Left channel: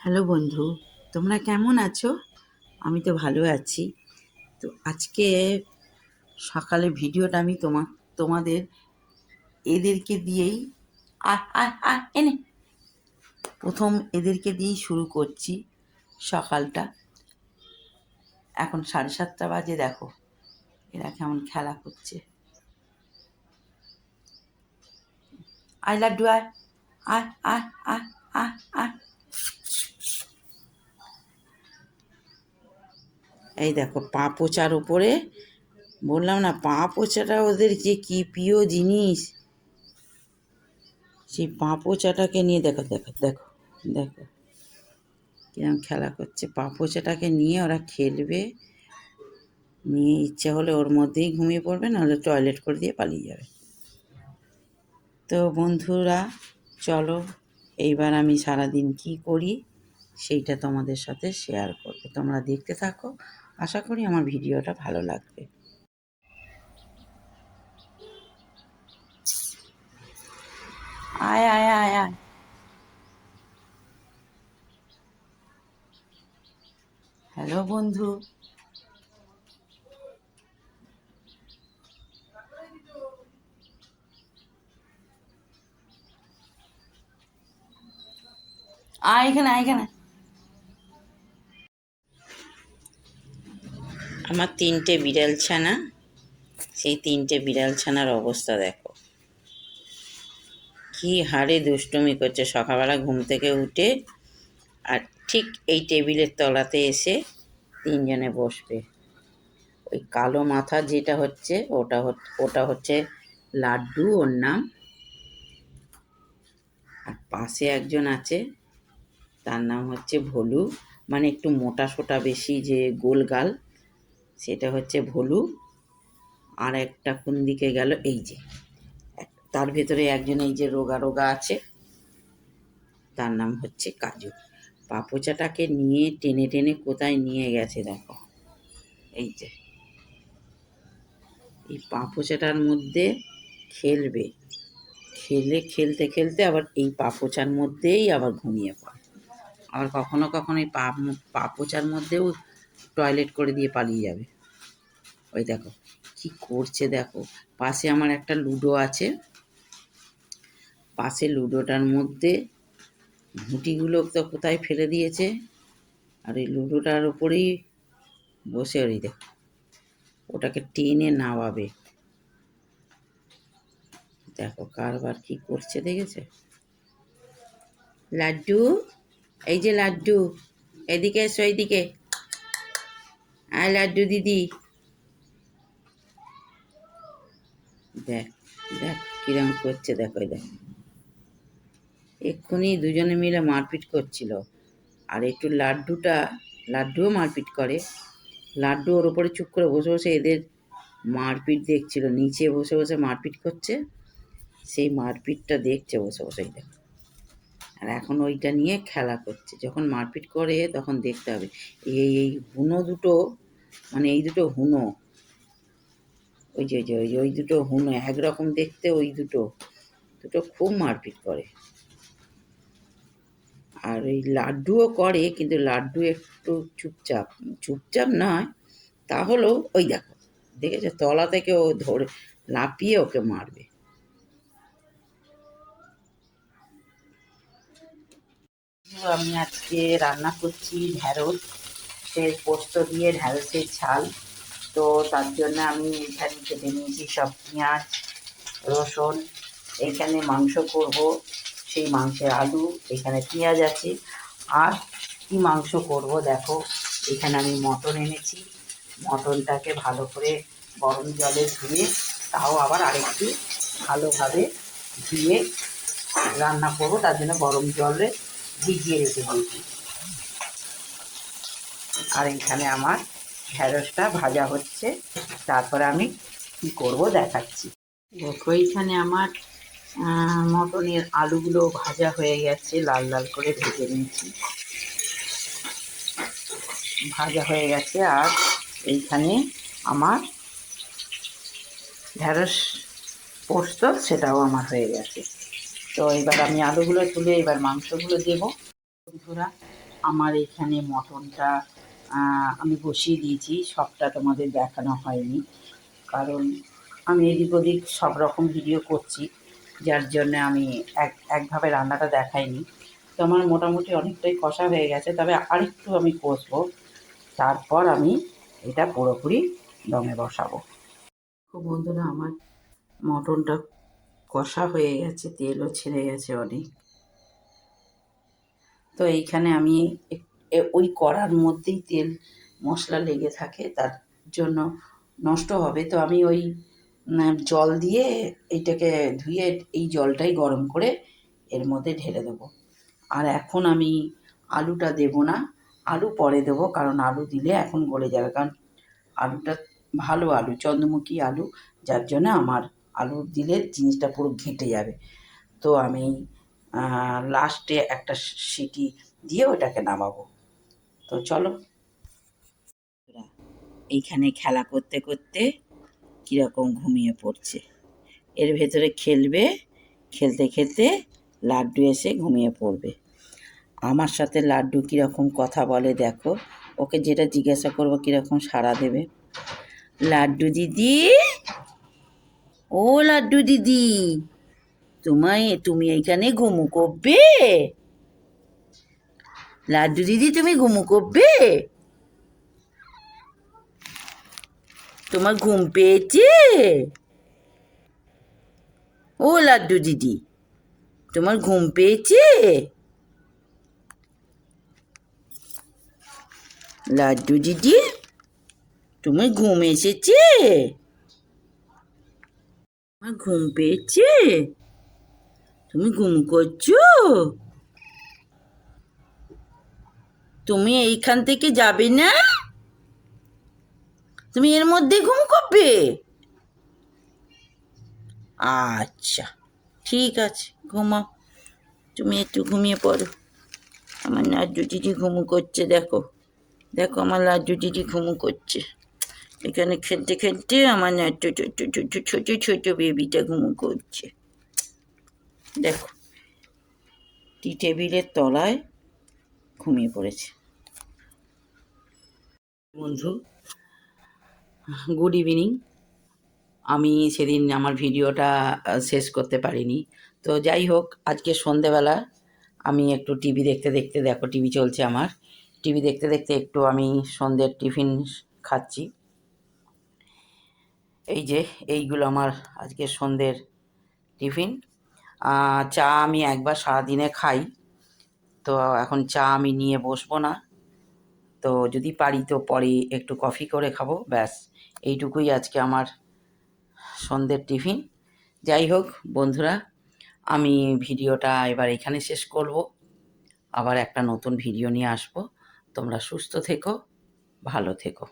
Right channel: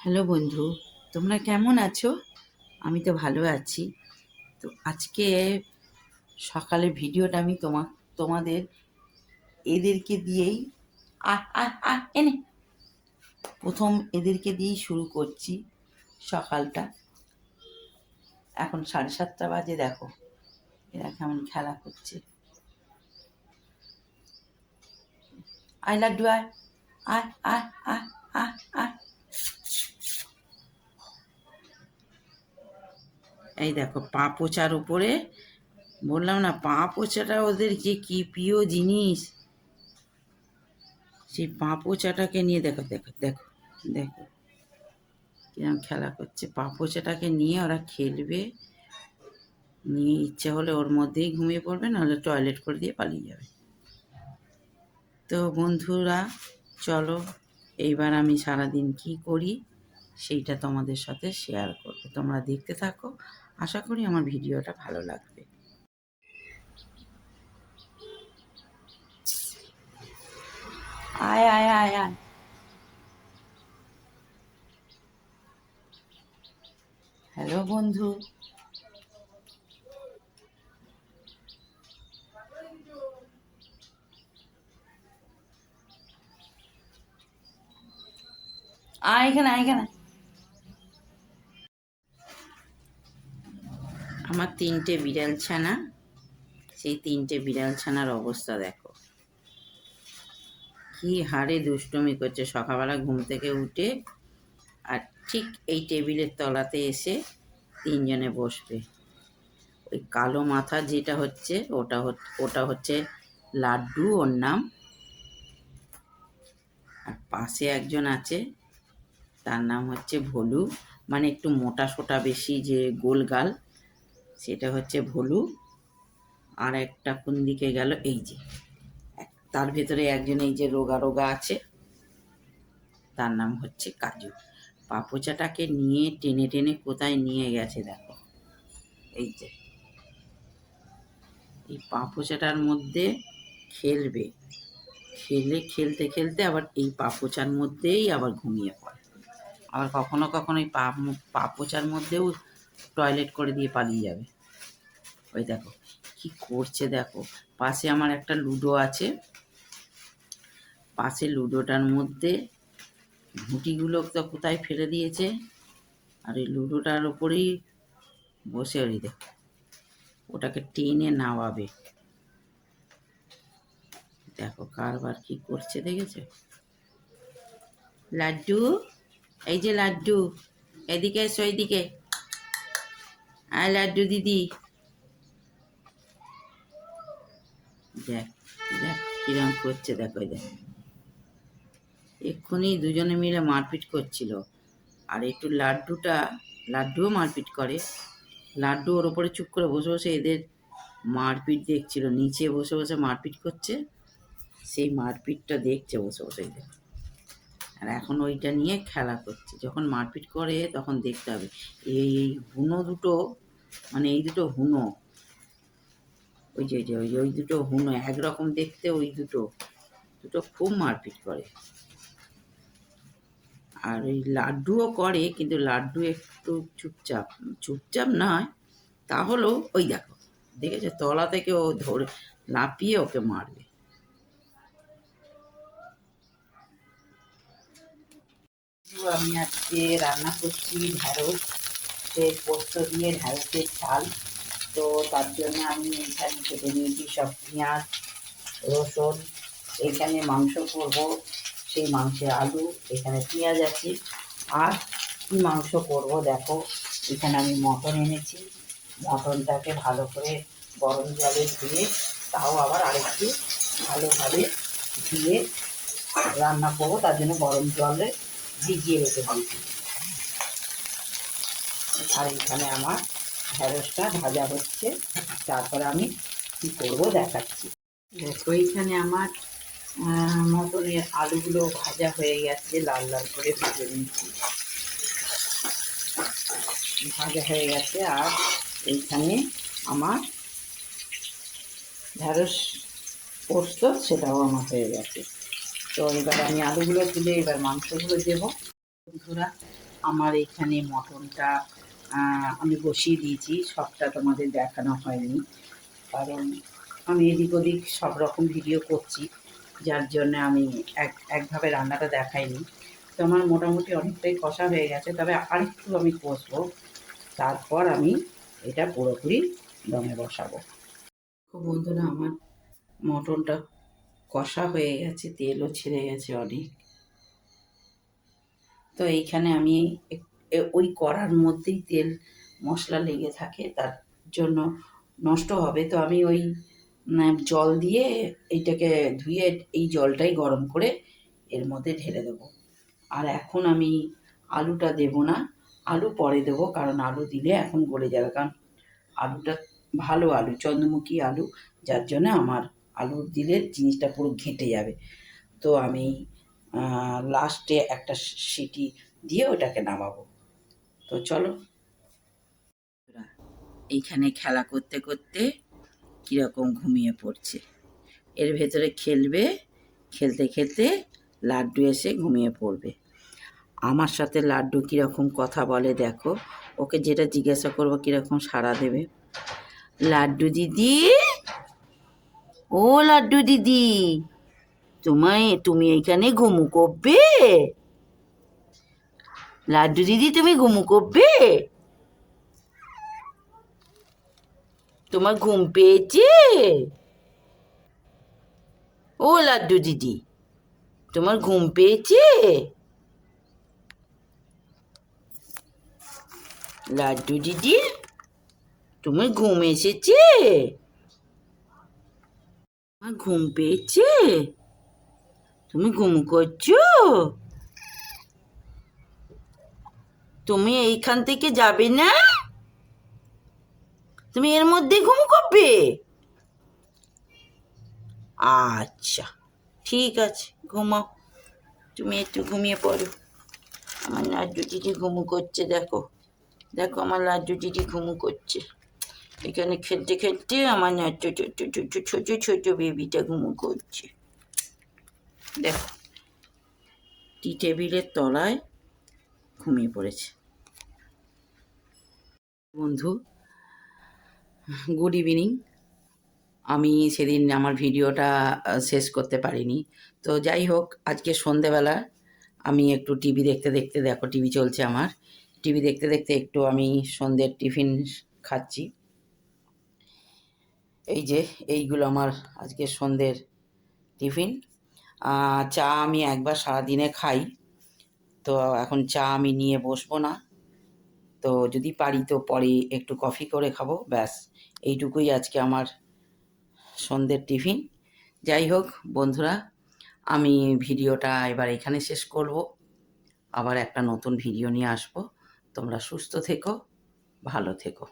Hello বন্ধু, তোমরা কেমন আছো? আমি তো ভালো আছি। তো আজকে সকালে ভিডিওটা আমি তোমা তোমাদের এদেরকে দিয়েই আর এনে প্রথম এদেরকে দিয়েই শুরু করছি সকালটা। এখন সাড়ে সাতটা বাজে, দেখো। এরা কেমন খেলা করছে। আই লাড্ডু আর আর আর আর আর আর এই দেখো, পা পোচার উপরে। বললাম না, পা পোচাটা ওদের যে কি প্রিয় জিনিস। সেই পা পোচাটাকে নিয়ে দেখো দেখো দেখো দেখো। কিরম খেলা করছে। পা পোচাটাকে নিয়ে ওরা খেলবে। নিয়ে ইচ্ছা হলে ওর মধ্যেই ঘুমিয়ে পড়বে, নাহলে টয়লেট করে দিয়ে পালিয়ে যাবে। তো বন্ধুরা, চলো, এইবার আমি সারাদিন কি করি, সেইটা তোমাদের সাথে শেয়ার করবে। তোমরা দেখতে থাকো। আশা করি আমার ভিডিওটা ভালো লাগবে। আয় আয় আয় আয়। হ্যালো বন্ধু। আয় এখানে আয় এখানে। আমার তিনটে বিড়াল ছানা, সেই তিনটে বিড়াল ছানার অবস্থা দেখো। কি হারে দুষ্টুমি করছে, সকালবেলা ঘুম থেকে উঠে আর ঠিক এই টেবিলের তলাতে এসে তিনজনে বসবে। ওই কালো মাথা যেটা হচ্ছে, ওটা ওটা হচ্ছে লাড্ডু, ওর নাম। আর পাশে একজন আছে, তার নাম হচ্ছে ভলু। মানে একটু মোটা সোটা বেশি যে গোল গাল। সেটা হচ্ছে ভলু। আর একটা কোন দিকে গেল? এই যে। তার ভেতরে একজন এই যে রোগা রোগা আছে। তার নাম হচ্ছে কাজু। পাপোচাটাকে নিয়ে টেনে টেনে কোথায় নিয়ে গেছে দেখো। এই যে। এই পাপোচাটার মধ্যে খেলবে। খেলে খেলতে খেলতে আবার এই পাপোচার মধ্যেই আবার ঘুমিয়ে পড়ে। আবার কখনো কখনো এই পাপোচার মধ্যেও টয়লেট করে দিয়ে পালিয়ে যাবে। ওই দেখো, কি করছে দেখো, পাশে আমার একটা লুডো আছে। পাশে লুডোটার মধ্যে ঘুঁটিগুলো তো কোথায় ফেলে দিয়েছে, আর এই লুডোটার উপরেই বসে ওই দেখো। ওটাকে টেনে নামাবে। দেখো কারবার কি করছে দেখেছ? লাড্ডু, এই যে লাড্ডু, এদিকে এসো এইদিকে আয় লাড্ডু দিদি। দেখ দেখ কিরম করছে, দেখো এই দেখ। এক্ষুনি দুজনে মিলে মারপিট করছিল। আর একটু লাড্ডুটা, লাড্ডুও মারপিট করে। লাড্ডু ওর উপরে চুপ করে বসে বসে এদের মারপিট দেখছিল। নিচে বসে বসে মারপিট করছে। সেই মারপিটটা দেখছে বসে বসে দেখো। আর এখন ওইটা নিয়ে খেলা করছে। যখন মারপিট করে তখন দেখতে হবে। এই এই হুনো দুটো মানে এই দুটো হুনো, ওই যে ওই যে ওই যে, ওই দুটো হুনো, একরকম দেখতে ওই দুটো দুটো খুব মারপিট করে। আর এই লাড্ডুও করে, কিন্তু লাড্ডু একটু চুপচাপ চুপচাপ নয় তাহলেও ওই দেখো, দেখেছ? তলা থেকে ও ধরে লাপিয়ে ওকে মারবে। আমি আজকে রান্না করছি ঢ্যাঁড়স, সে পোস্ত দিয়ে ঢ্যাঁড়সের ঝাল। তো তার জন্য আমি এখানে কেটে নিয়েছি সব পেঁয়াজ, রসুন এইখানে মাংস করব, সেই মাংসের আলু, এখানে পেঁয়াজ আছে। আর কি মাংস করব দেখো, এখানে আমি মটন এনেছি। মটনটাকে ভালো করে গরম জলে ধুয়ে, তাও আবার আরেকটু ভালোভাবে ধুয়ে রান্না করব। তার জন্য গরম জলে ভিজিয়ে রেখে দিয়েছি। আর এখানে আমার ঢ্যাঁড়সটা ভাজা হচ্ছে। তারপরে আমি কি করব দেখাচ্ছি। দেখো এইখানে আমার মটনের আলুগুলো ভাজা হয়ে গেছে, লাল লাল করে ভেজে নিয়েছি। ভাজা হয়ে গেছে, আর এইখানে আমার ঢ্যাঁড়স পোস্ত, সেটাও আমার হয়ে গেছে। তো এবার আমি আলুগুলো তুলে এবার মাংসগুলো দেবো। বন্ধুরা, আমার এখানে মটনটা আমি বসিয়ে দিয়েছি, সবটা তোমাদের দেখানো হয়নি। কারণ আমি এদিক ওদিক সব রকম ভিডিও করছি, যার জন্য আমি এক, একভাবে রান্নাটা দেখাইনি। তো আমার মোটামুটি অনেকটাই কষা হয়ে গেছে, তবে আরেকটু আমি কষবো, তারপর আমি এটা পুরোপুরি দমে বসাবো। বন্ধুরা, আমার মটনটা কষা হয়ে গেছে, তেলও ছেড়ে গেছে অনেক। তো এইখানে আমি ওই কড়ার মধ্যেই তেল, মশলা লেগে থাকে, তার জন্য নষ্ট হবে। তো আমি ওই জল দিয়ে এইটাকে ধুয়ে এই জলটাই গরম করে এর মধ্যে ঢেলে দেবো। আর এখন আমি আলুটা দেব না, আলু পরে দেবো, কারণ আলু দিলে এখন গলে যাবে। কারণ আলুটা ভালো আলু, চন্দ্রমুখী আলু, যার জন্য আমার আলু দিলে জিনিসটা পুরো ঘেঁটে যাবে। তো আমি লাস্টে একটা সিটি দিয়ে ওটাকে নামাবো। তো চলো। এইখানে খেলা করতে করতে কীরকম ঘুমিয়ে পড়ছে। এর ভেতরে খেলবে, খেলতে খেলতে লাড্ডু এসে ঘুমিয়ে পড়বে। আমার সাথে লাড্ডু কীরকম কথা বলে দেখো। ওকে যেটা জিজ্ঞাসা করব কীরকম সাড়া দেবে। লাড্ডু দিদি! ও লাড্ডু দিদি। তোমায়, তুমি এখানে ঘুমু করবে? লাড্ডু দিদি, তুমি ঘুমু করবে? তোমার ঘুম পেয়েছে? ও লাড্ডু দিদি, তোমার ঘুম পেয়েছে? লাড্ডু দিদি, তোমার ঘুম এসেছে? ঘুম পেয়েছে? তুমি ঘুম করছ? তুমি এইখান থেকে যাবে না? তুমি এর মধ্যে ঘুম করবে? আচ্ছা ঠিক আছে, ঘুমাও। তুমি একটু ঘুমিয়ে পড়ো। আমার লাড্ডু দিদি ঘুমু করছে, দেখো। দেখো, আমার লাড্ডু দিদি ঘুমু করছে। এখানে খেলতে খেলতে আমার লাড্ডু ছোট ছোট ছোট ছোট বেবিটা ঘুমু করছে। দেখো, টি টেবিলের তলায় ঘুমিয়ে পড়েছে। বন্ধু, গুড ইভিনিং। আমি সেদিন আমার ভিডিওটা শেষ করতে পারিনি। তো যাই হোক, আজকে সন্ধেবেলা আমি একটু টিভি দেখতে দেখতে, দেখো টিভি চলছে আমার। টিভি দেখতে দেখতে একটু আমি সন্ধ্যের টিফিন খাচ্ছি। এই যে এইগুলো আমার আজকে সন্ধ্যের টিফিন। চা আমি একবার সারাদিনে খাই। তো এখন চা আমি নিয়ে বসবো না। তো যদি পারি তো পরে একটু কফি করে খাব, ব্যাস। এইটুকুই আজকে আমার সন্ধ্যের টিফিন। যাই হোক বন্ধুরা, আমি ভিডিওটা এবার এখানে শেষ করব। আবার একটা নতুন ভিডিও নিয়ে আসব। তোমরা সুস্থ থেকো, ভালো থেকো।